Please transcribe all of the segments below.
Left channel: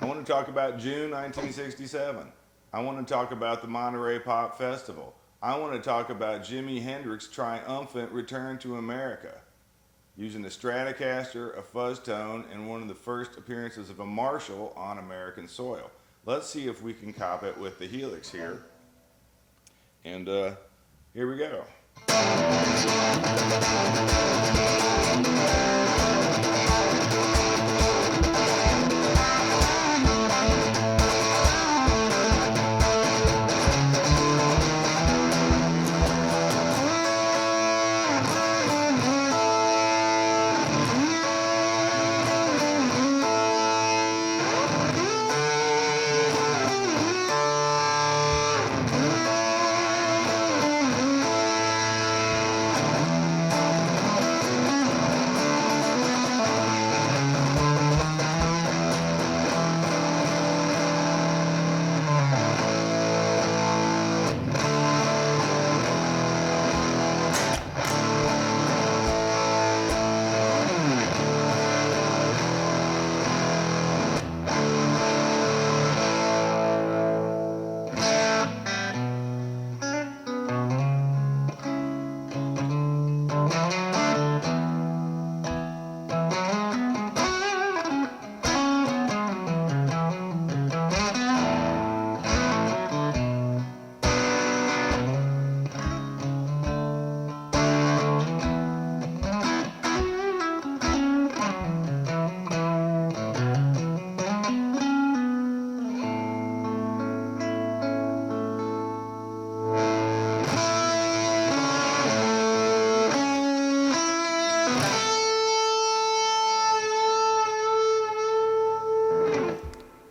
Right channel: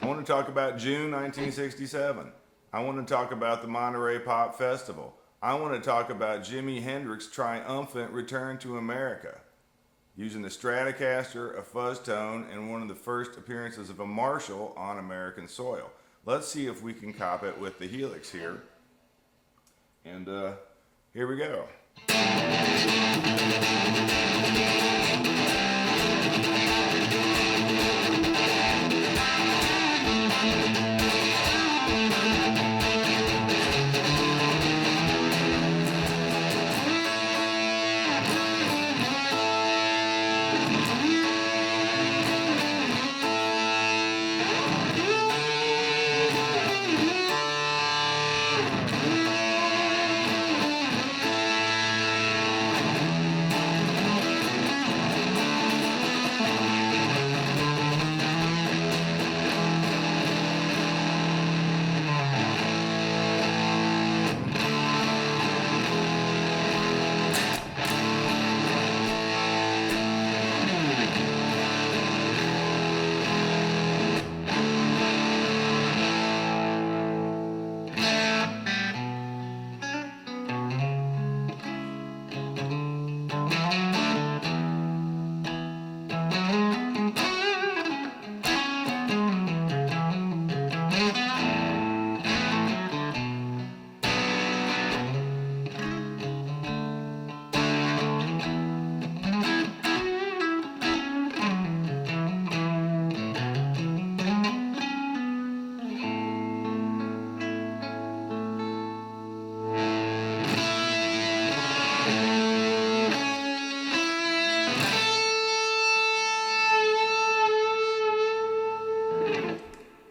I want to talk about June 1967. I want to talk about the Monterey Pop Festival. I want to talk about Jimi Hendrix's triumphant return to America, using the Stratocaster, a fuzz tone, and one of the first appearances of a Marshall on American soil. Let's see if we can cop it with the Helix here. And here we go.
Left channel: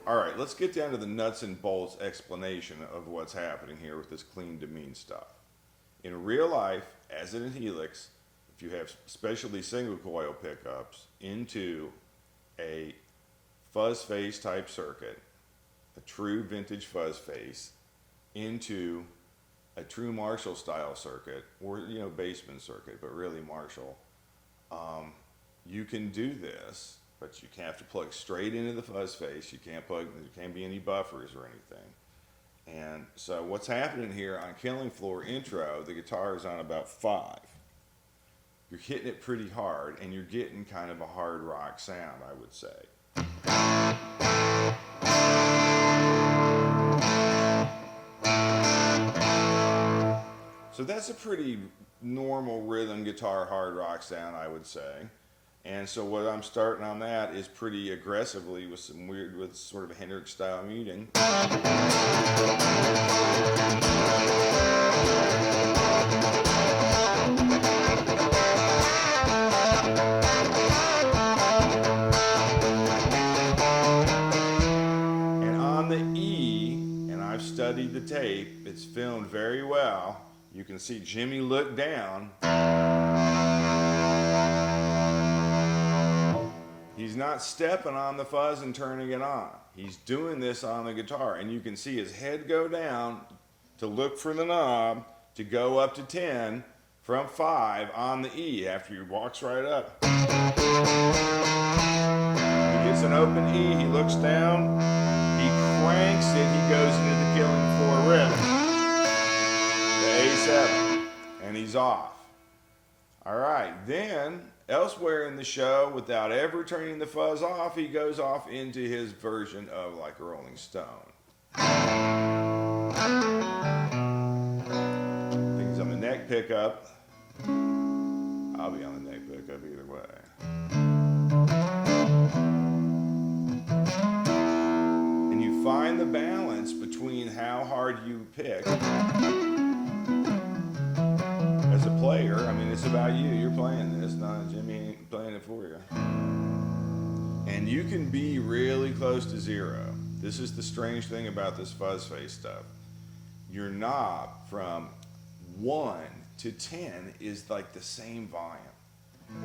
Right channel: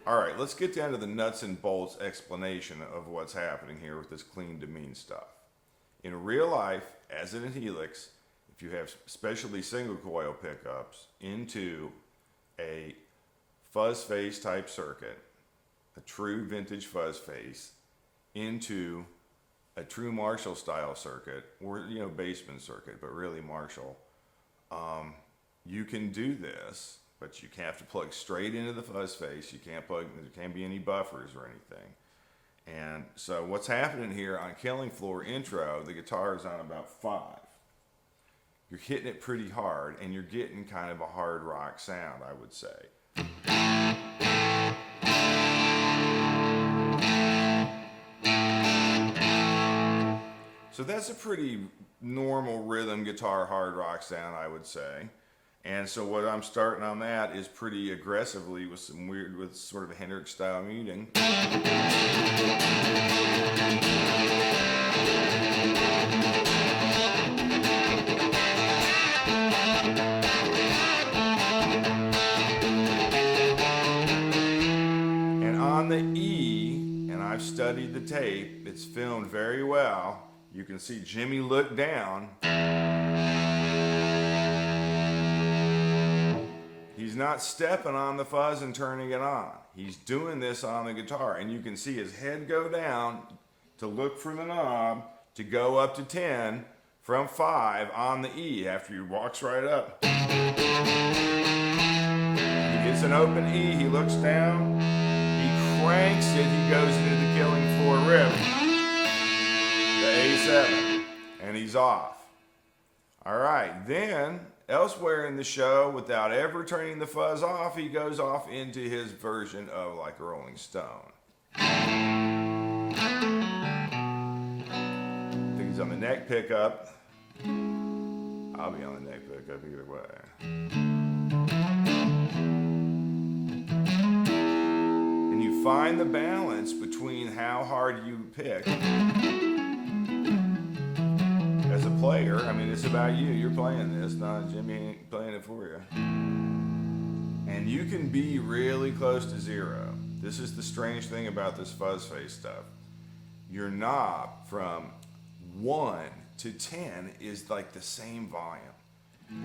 All right, let's get down to the nuts and bolts explanation of what's happening here with this clean to mean stuff. In real life, as in a Helix, if you have specialty single coil pickups into a Fuzzface type circuit, a true vintage Fuzzface, into a true Marshall style circuit, or Bassman circuit, but really Marshall, you can do this. But you have to plug straight into the Fuzzface. There can't be any buffers or anything. And so what's happening here on Killing Floor intro, the guitar is on about 5. You're hitting it pretty hard, and you're getting kind of a hard rock sound, I would say. So that's a pretty normal rhythm guitar hard rock sound, I would say. And so what I'm starting on that is pretty aggressively with sort of a Hendrix style muting. And on the E, and I've studied the tape, it's filmed very well. You can see Jimmy look down. He's not stepping on the fuzz and turning it on. He's doing this on the guitar, and you can see his head go down to look for the knob to go up to 10 from 5 on the E after he walks right up. He gets an open E, he looks down, he cranks it, he goes into the Killing Floor riff, the A7, and he's off. All right, then elsewhere in the show, without ever turning the fuzz off, he goes off into his version of like a Rolling Stone. I think he's on the neck pickup. I'll be on the neck pickup either way. And you find the balance between how hard you pick. As a player, I mean, it's about you. You're playing this, not Jimmy ain't playing it for you. And you can be really close to 0. This is the strange thing about this Fuzzface stuff. Your knob from 1 to 10 is like the same volume.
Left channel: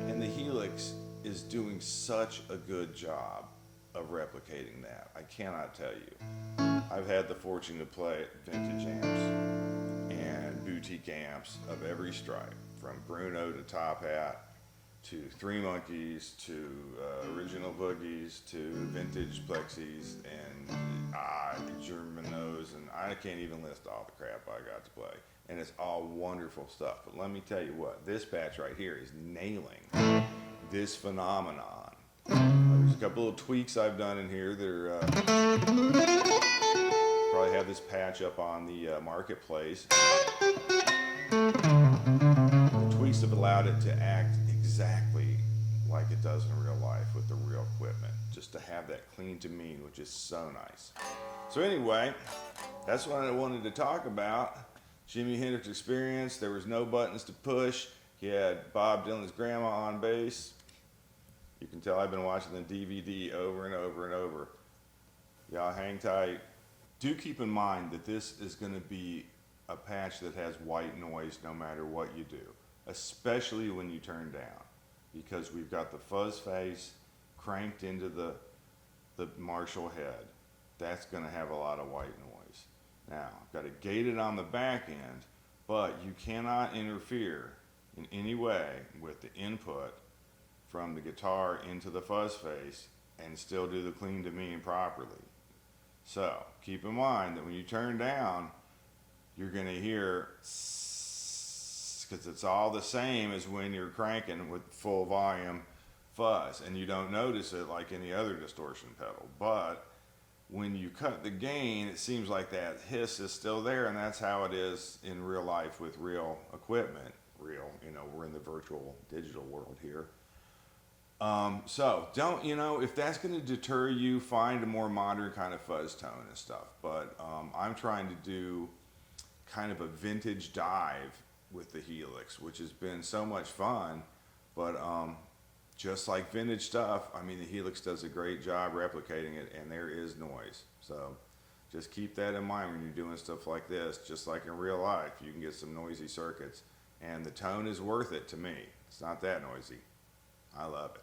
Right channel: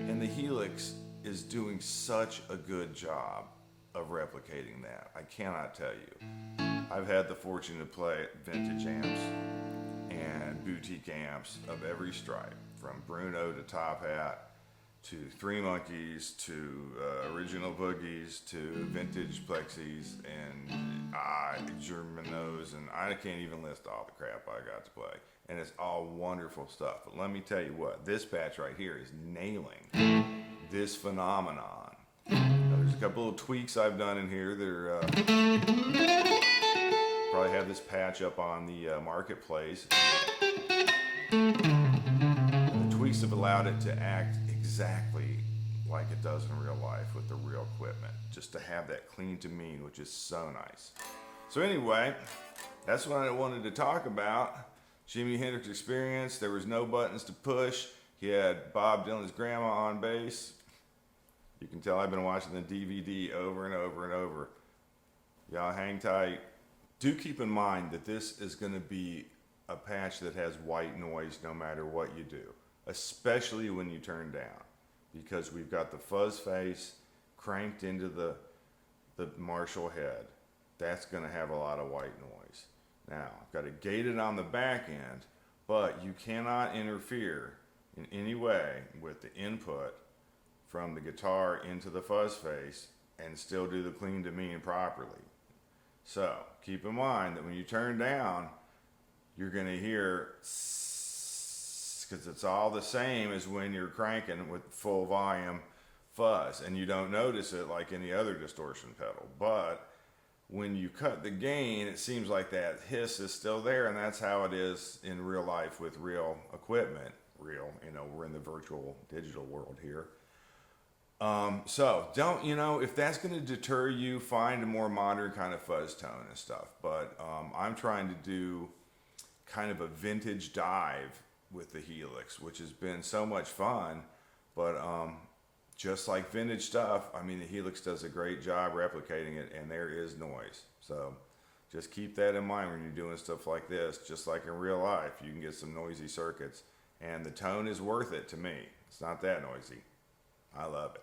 And the Helix is doing such a good job of replicating that. I cannot tell you. I've had the fortune to play vintage amps and boutique amps of every stripe, from Bruno to Top Hat to Three Monkeys, to original boogies, to vintage plexis, and Germanos, and I can't even list all the crap I got to play. And it's all wonderful stuff. But let me tell you what, this patch right here is nailing this phenomenon. Now, there's a couple of tweaks I've done in here. They're probably have this patch up on the marketplace. And the tweaks have allowed it to act exactly like it does in real life with the real equipment, just to have that clean demean, which is so nice. So anyway, that's what I wanted to talk about. Jimi Hendrix Experience. There was no buttons to push. He had Bob Dylan's grandma on bass. You can tell I've been watching the DVD over and over and over. Y'all hang tight. Do keep in mind that this is going to be a patch that has white noise no matter what you do, especially when you turn down, because we've got the Fuzzface cranked into the Marshall head. That's going to have a lot of white noise. Now, I've got it gated on the back end, but you cannot interfere in any way with the input from the guitar into the Fuzzface and still do the clean demean properly. So, keep in mind that when you turn down, you're going to hear, because it's all the same as when you're cranking with full volume fuzz, and you don't notice it like any other distortion pedal. But when you cut the gain, it seems like that hiss is still there, and that's how it is in real life with real equipment. We're in the virtual digital world here. So don't, if that's going to deter you, find a more modern kind of fuzz tone and stuff. But I'm trying to do kind of a vintage dive with the Helix, which has been so much fun. But just like vintage stuff, I mean, the Helix does a great job replicating it, and there is noise. So just keep that in mind when you're doing stuff like this. Just like in real life, you can get some noisy circuits, and the tone is worth it to me. It's not that noisy. I love it.